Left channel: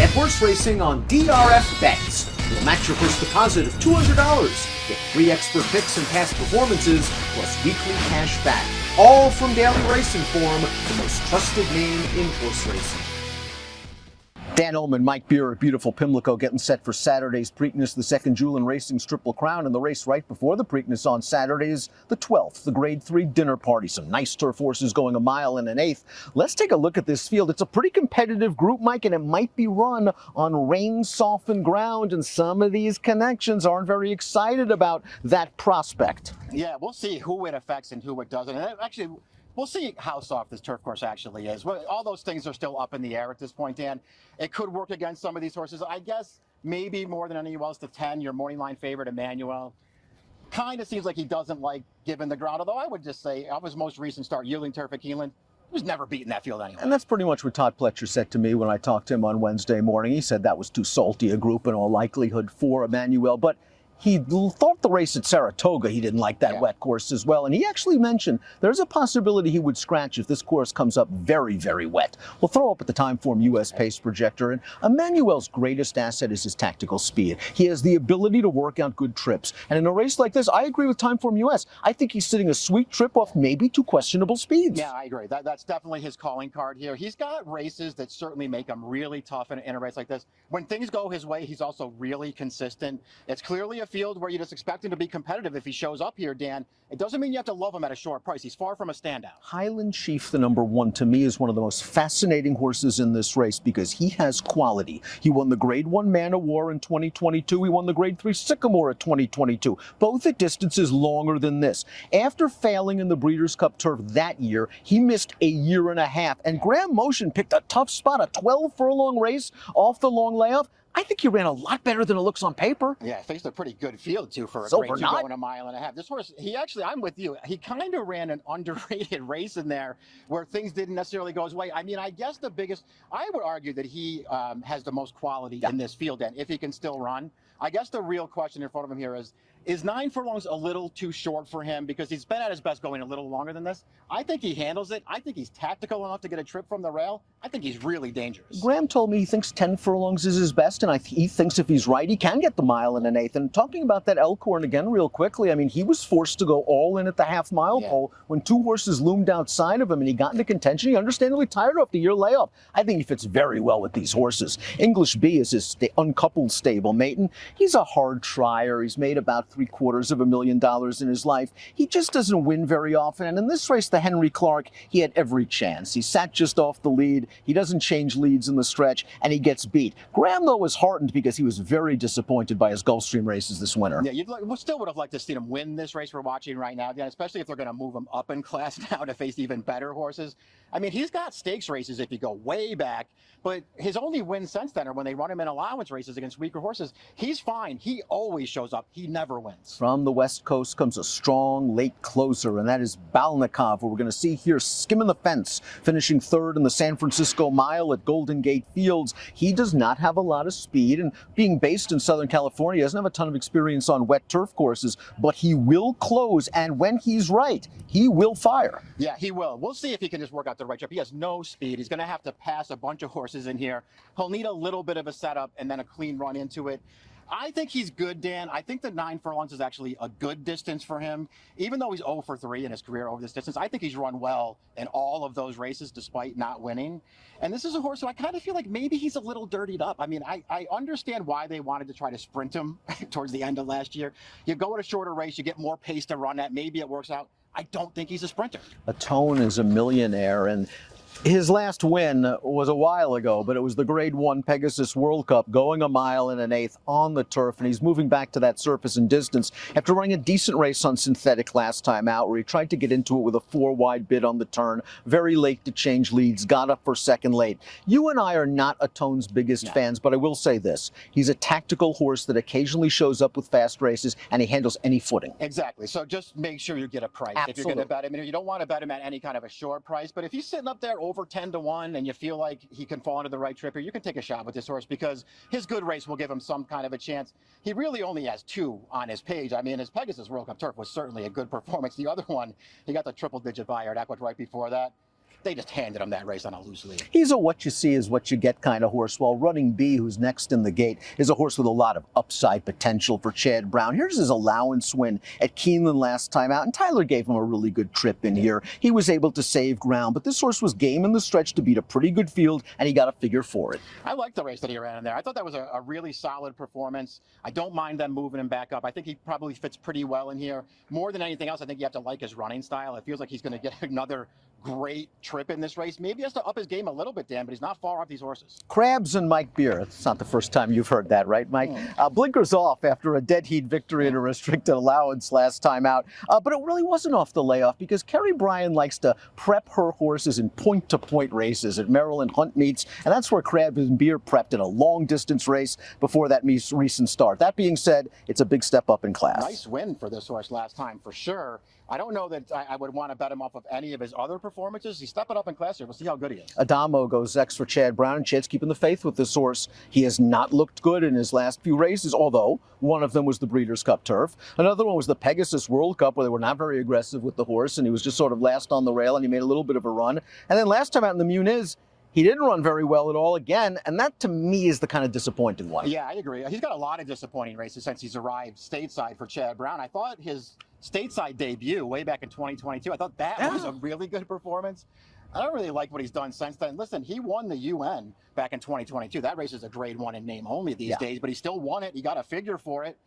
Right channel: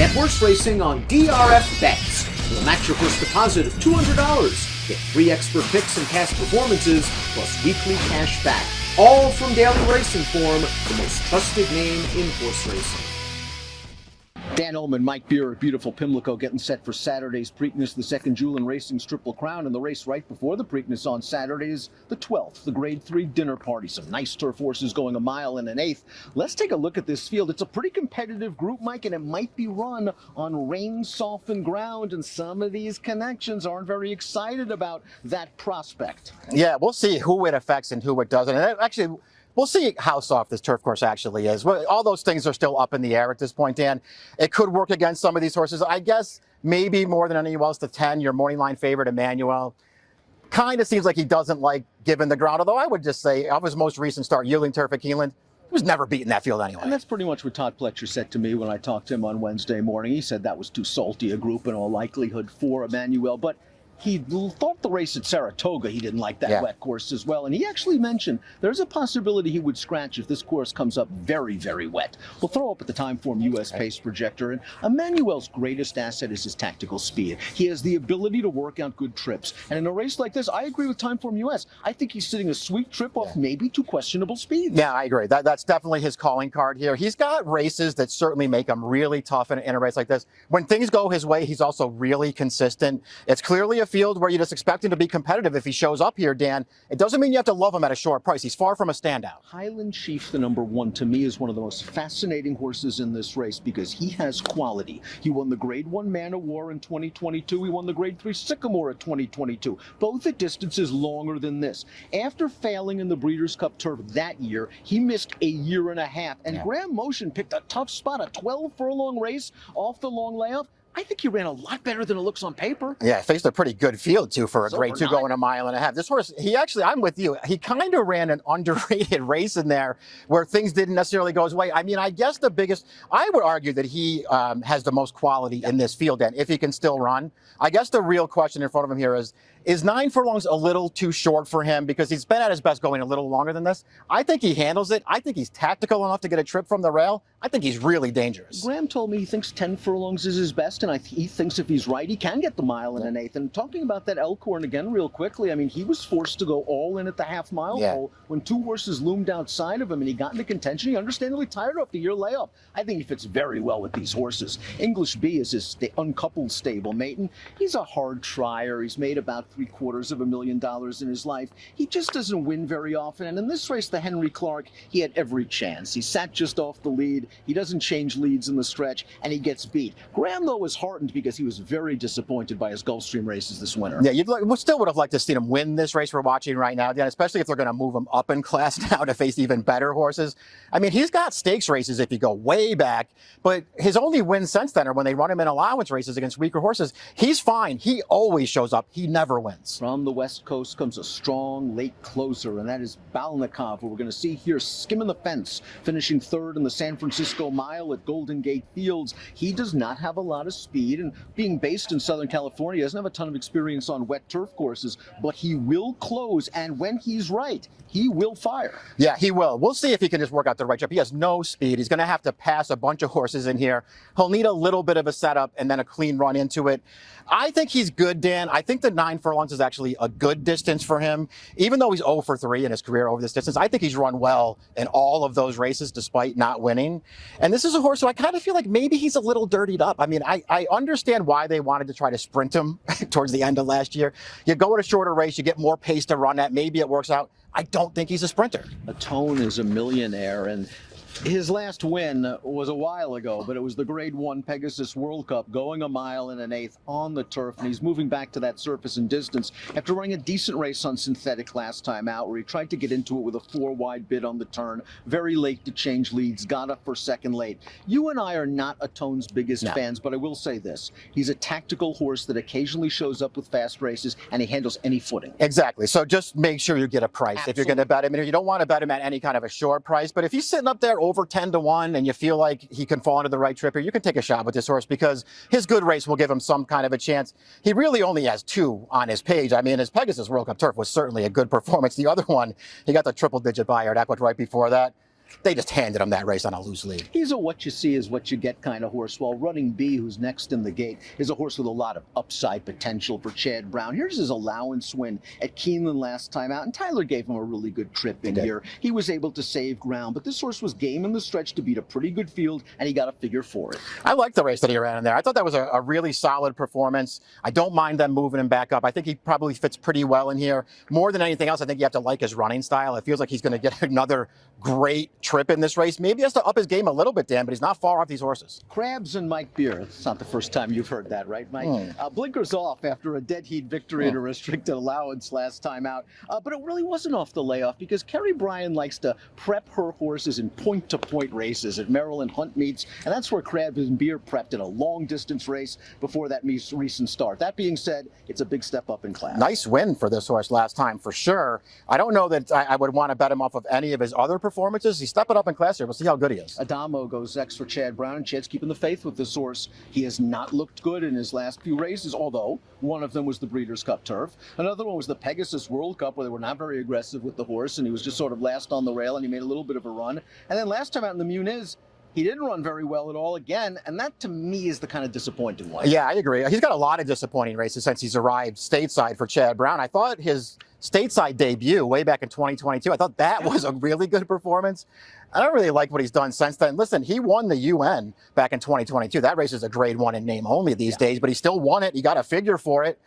Bet horse racing on DRF Bets. We'll match your first deposit of $200. Get free expert picks and past performances, plus weekly cash back. All from Daily Racing Form, the most trusted name in horse racing. Dan Illman, Mike Beer at beautiful Pimlico getting set for Saturday's Preakness, the second Julin Racing's Triple Crown, and the race right before the Preakness on Saturday is the 12th, the Grade 3 dinner party. Some nice turf horses going 1 mile and an eighth. Let's take a look at this field. It's a pretty competitive group, Mike, and it might be run on rain-softened ground, and some of these connections aren't very excited about that prospect. Yeah, we'll see who it affects and who it doesn't. And actually, we'll see how soft this turf course actually is. All those things are still up in the air at this point, Dan. It could work against some of these horses. I guess maybe more than anyone else, the 10, your morning line favorite, Emmanuel. Kind of seems like he doesn't like giving the ground, although I would just say of his most recent start, yielding turf at Keeneland, he was never beating that field anyway. And that's pretty much what Todd Pletcher said to me when I talked to him on Wednesday morning. He said that was too salty a group in all likelihood for Emmanuel, but he thought the race at Saratoga, he didn't like that wet course as well. And he actually mentioned there's a possibility he would scratch if this course comes up very, very wet. We'll throw up at the Timeform US pace projector. And Emmanuel's greatest asset is his tactical speed. He has the ability to work out good trips. And in a race like this, I agree with Timeform US. I think he's sitting a sweet trip off maybe two questionable speeds. Yeah, I agree. That's definitely his calling card here. He's got races that certainly make him really tough in a race like this. When things go his way, he's also really consistent. It's clearly a field where you just expect him to be competitive if he shows up here, Dan. It doesn't mean you have to love him at a short price. He's far from a standout. Highland Chief, the number 1, to me is one of the most fascinating horses in this race because he has quality. He won the Grade 1 Man of War in 2022. He won the Grade 3 Sycamore at 2022, both at distances longer than this. After failing in the Breeders' Cup Turf that year, he missed a year and a half, and Graham Motion picked a tough spot, a 12-furlong race off the long layoff. I think he ran a lot better than it looks on paper. Yeah, faced a pretty good field, too, for a Grade 2 going 1.5 miles. This horse, I'm with you. He kind of ran an underrated race in there where things didn't necessarily go his way. I mean, I guess I would argue that he has the most quality in this field, and if he can still run. I guess the real question in front of him here is 9 furlongs a little too short for him because he's been at his best going a little longer than this? I think he handles it. I think he's tactical enough to get a trip from the rail. I think he's really dangerous. Graham told me he thinks 10 furlongs is his best, and he thinks if he's right, he can get the 1.5 miles. And talking about that Elkhorn again real quickly, I mean, he was forced to go all in at the half-mile pole when 2 horses loomed outside of him, and he got into contention. He understandably tired off the year layoff. I think he fits very well with these horses. English B is his uncoupled stable mate, and he's a hard trier. He's made about $750,000 in his life. He just doesn't win very often, and in this race, the Henry Clark, he had every chance. He sat just off the lead. He doesn't change leads in the stretch, and he gets beat. Graham, though, was heartened because he was very disappointed by his Gulfstream races this winter. Yeah, we still would have liked to see him win this race we're watching right now, Dan, especially if they're going to move him up in class now to face even better horses. I mean, he's got stakes races if you go way back, but his only wins since then are when they run him in allowance races against weaker horses. He's fine. He always shows up. He never wins. From the West Coast comes a strong late closer, and that is Balnikov, who we're going to see here skimming the fence, finishing 3rd in the San Francisco Mile at Golden Gate Fields. He does not have a lot of speed, and being based in Southern California, he doesn't have a ton of experience on wet turf courses, but he will close, and when he's right, he will fire. Yeah, he will. We'll see if he can just work out the right trip. He has no speed. He's going to have to pass a bunch of horses in here. He'll need a little bit of a setup and then a clean run into it. I think he's good, Dan. I think the 9 furlongs is actually a good distance for him. Even though he's 0 for 3 in his career over this distance, I think he's run well in all of those races despite not winning. And this is a horse who I kind of feel like maybe he's a little dirtied up. I mean, I understand why they wanted to try to sprint him towards the end of last year. You go at a shorter race, you get more pace to run at. Maybe it works out. I don't think he's a sprinter. Atone is a millionaire, and his last win was a while ago, but it was the Grade 1 Pegasus World Cup, going 1 mile and an eighth on the turf, and he's moving back to that surface and distance after running a decent race on synthetic last time out, where he tried to get into it with a 4-wide bid on the turn, very late to change leads, got up for second late. You and I are not Atone's biggest fans, but I will say this. He's a tactical horse that occasionally shows up with fast races, and he handles any footing. Exactly. So just make sure you get a price. Absolutely. If you're going to bet him. You don't want to bet him at any kind of a short price, but if he's sitting up there over 10-1 and you feel like he can fall into the right trip here, you can take a shot with this horse because his good race will give him some kind of a chance. He really only has 2 on his page. I mean, his Pegasus World Cup turf was certainly a good performance. The other one, he got the triple-digit buyer at Equid right before that. they just handed him that race on a loose lead. He's a what you see is what you get kind of horse. While Running B, who's next in the gate, is a horse with a lot of upside potential for Chad Brown. Here's his allowance win at Keeneland last time out, and Tyler gave him a really good trip in here. He was able to save ground, but this horse was game in the stretch to beat a pretty good field, and he got a figure for it. I like the race that he ran in there. I thought that was a really solid performance. I don't mind them moving him back up. I think he probably fits pretty well in here. More than anything else, I think you have to like his running style. It feels like he's going to get another great trip in this race. Maybe he has to up his game a little bit, Dan, but he's not far off these horses. Krabs and Mike Beer. It's not the first time you've heard that, right, Mike? Blinkers off after a dead heat victory in a restricted allowance last time out. But it really wasn't off the layoff because Kerry Bryan likes to prep her horses in point-to-point races at Maryland Hunt meets, and that's where Krabs and Beer prepped in a long-distance race before that recent start. That being said, it's a big step up in class. Nice win for this horse last time, for sure. I don't know that I would want to bet him off of any of his other performances. He's stepping up in class here. We'll see how good he is. Adamo goes next for Chad Brown, and Chad's keeping the faith with this horse. He has not looked good in his last few races, although one of them was the Breeders' Cup Turf. Another one was the Pegasus World Cup, where they were not very aggressive with the horse, and he was just sort of last on the rail, and he made a little bit of a run. And then last time out in the Muniz, he didn't run very well at all again, and that to me is the kind of disappointing one. Yeah, I agree. He's got a lot of disappointing races since he's arrived stateside for Chad Brown. I thought his stateside debut way back in 2022, I thought that was a really good performance. I don't really like what he's done since then. Listen, he won the UN back in 2022. That race is a grade 1 in name only these days, but he still won it. He got a figure for it.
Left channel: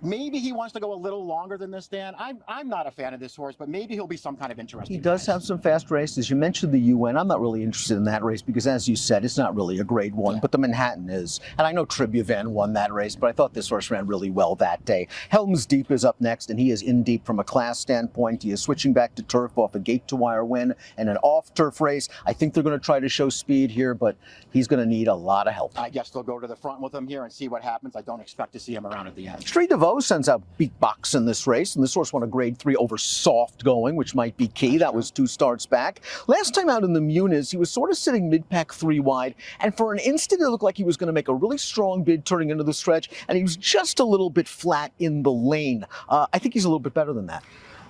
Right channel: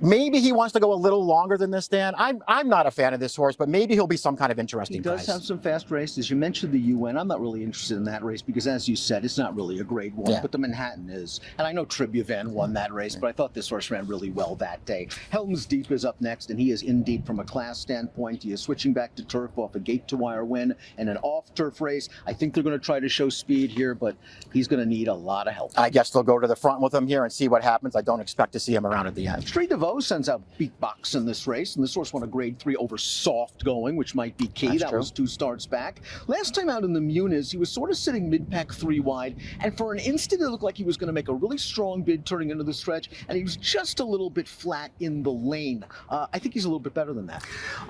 Maybe he wants to go a little longer than this, Dan. I'm not a fan of this horse, but maybe he'll be some kind of interesting He does price. have some fast races. You mentioned the UN. I'm not really interested in that race because, as you said, it's not really a grade 1, but the Manhattan is. And I know Tribuvan won that race, but I thought this horse ran really well that day. Helms Deep is up next, and he is in deep from a class standpoint. He is switching back to turf off a gate-to-wire win and an off-turf race. I think they're going to try to show speed here, but he's going to need a lot of help. I guess they'll go to the front with him here and see what happens. I don't expect to see him around at the end. Street DeVoe sends out Beatbox in this race, and this horse won a grade 3 over Soft Going, which might be key. That was 2 starts back. Last time out in the Muniz, he was sort of sitting mid-pack 3 wide, and for an instant it looked like he was going to make a really strong bid turning into the stretch, and he was just a little bit flat in the lane. I think he's a little bit better than that.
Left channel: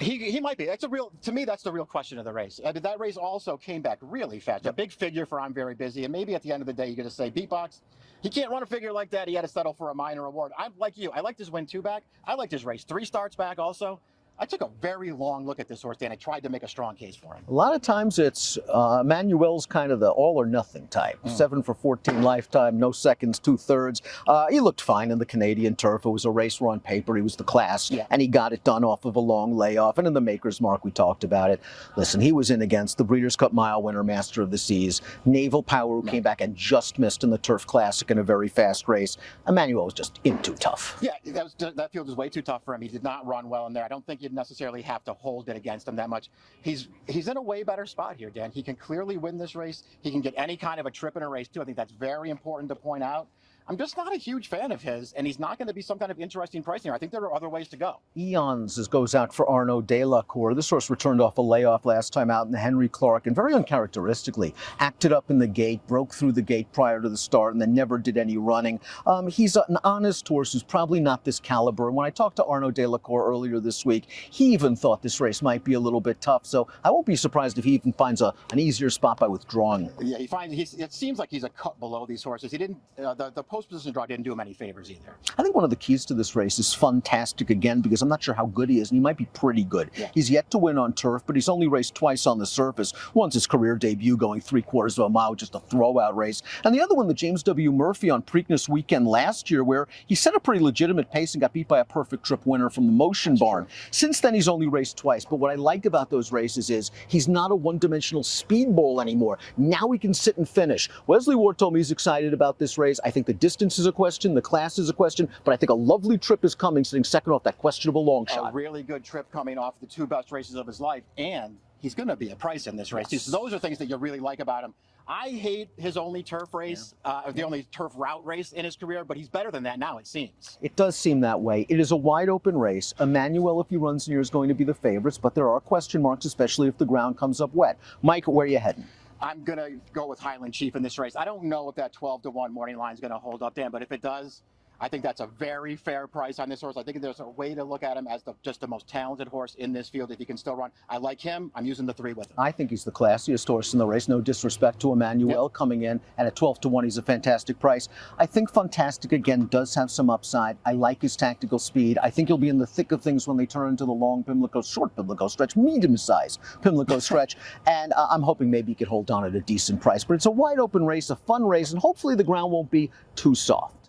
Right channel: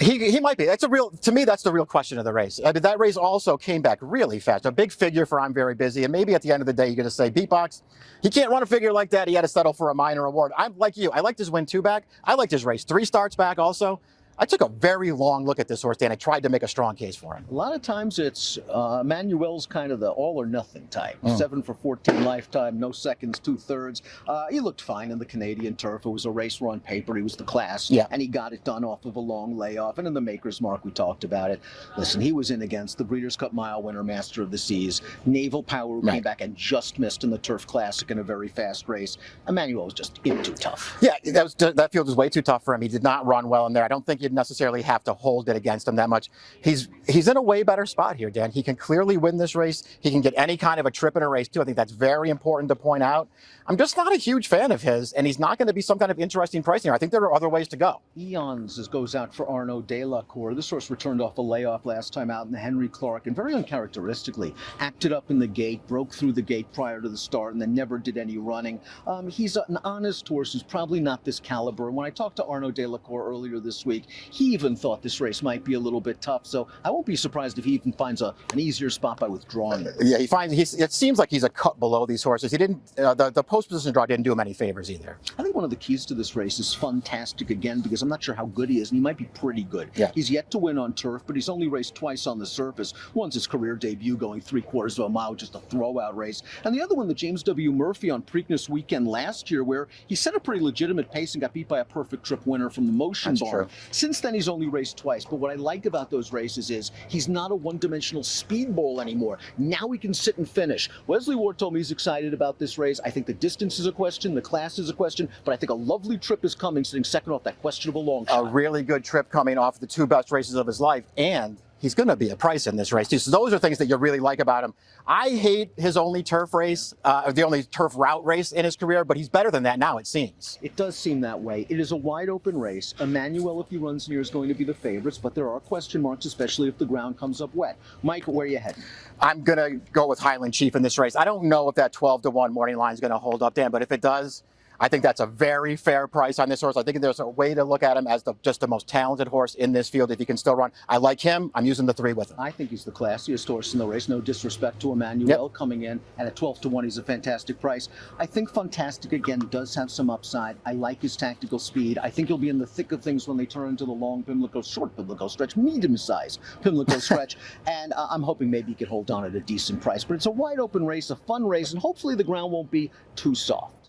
He might be. To me, that's the real question of the race. I mean, that race also came back really fast. A big figure for I'm Very Busy, and maybe at the end of the day, you're going to say, Beatbox, he can't run a figure like that. He had to settle for a minor award. I'm like you. I liked his win 2 back. I liked his race 3 starts back also. I took a very long look at this horse, Dan. I tried to make a strong case for him. A lot of times it's Manuel's kind of the all or nothing type. 7 for 14 lifetime, no seconds, 2/3. He looked fine in the Canadian turf. It was a race where on paper he was the class, and he got it done off of a long layoff. And in the Maker's Mark, we talked about it. Listen, he was in against the Breeders' Cup Mile winner, Master of the Seas, Naval Power, who came back and just missed in the Turf Classic in a very fast race. Emmanuel was just in too tough. Yeah, that field was way too tough for him. He did not run well in there. I don't think you'd necessarily have to hold it against him that much. He's in a way better spot here, Dan. He can clearly win this race. He can get any kind of a trip in a race too. I think that's very important to point out. I'm just not a huge fan of his, and he's not going to be some kind of interesting pricing here. I think there are other ways to go. Eons goes out for Arnaud Delacour. This horse returned off a layoff last time out in the Henry Clark, and very uncharacteristically acted up in the gate, broke through the gate prior to the start, and then never did any running. He's an honest horse who's probably not this caliber. And when I talked to Arnaud Delacour earlier this week, he even thought this race might be a little bit tough. So I won't be surprised if he even finds an easier spot by withdrawing it. Yeah, it seems like he's a cut below these horses. He didn't the post position draw didn't do him any favors either. I think one of the keys to this race is Funtastic again, because I'm not sure how good he is, and he might be pretty good. Yeah. He's yet to win on turf, but he's only raced twice on the surface. Once his career debut going 3/4 of a mile, just a throwout race. And the other one, the James W. Murphy on Preakness weekend last year, where he set a pretty legitimate pace and got beat by a perfect trip winner from the Motion Barn. Since then, he's only raced twice, but what I like about those races is he's not a one-dimensional speedball anymore. Now he can sit and finish. Wesley Ward told me he's excited about this race. I think the distance is a question, the class is a question, but I think a lovely trip is coming, sitting second off that questionable long shot. A really good trip coming off the 2 best races of his life, and he's going to be a price in this race too. So those are things that you really like about him. I hate his only turf race, the only turf route race in his career, but he's better than that now, it seems. It does seem that way. It is a wide open race. Emmanuel, if he runs here, is going to be the favorites, but there are question marks, especially if the ground comes up wet. Mike, where are you heading? I'm going to go with Highland Chief in this race. I don't know if that 12-1 morning line is going to hold up, Dan, but if it does, I think that's a very fair price on this horse. I think there's a way to look at him as just the most talented horse in this field if he can still run. I like him. I'm using the 3 with him. I think he's the classiest horse in the race. No disrespect to Emmanuel coming in, and at 12-1, he's a fantastic price. I think Fantastic, again, does have some upside. I like his tactical speed. I think he'll be in the thick of things when they turn into the long Pimlico, short Pimlico stretch, medium-sized Pimlico stretch, and I'm hoping maybe he could hold on at a decent price. But it's a wide-open race, a fun race, and hopefully the ground won't be too soft.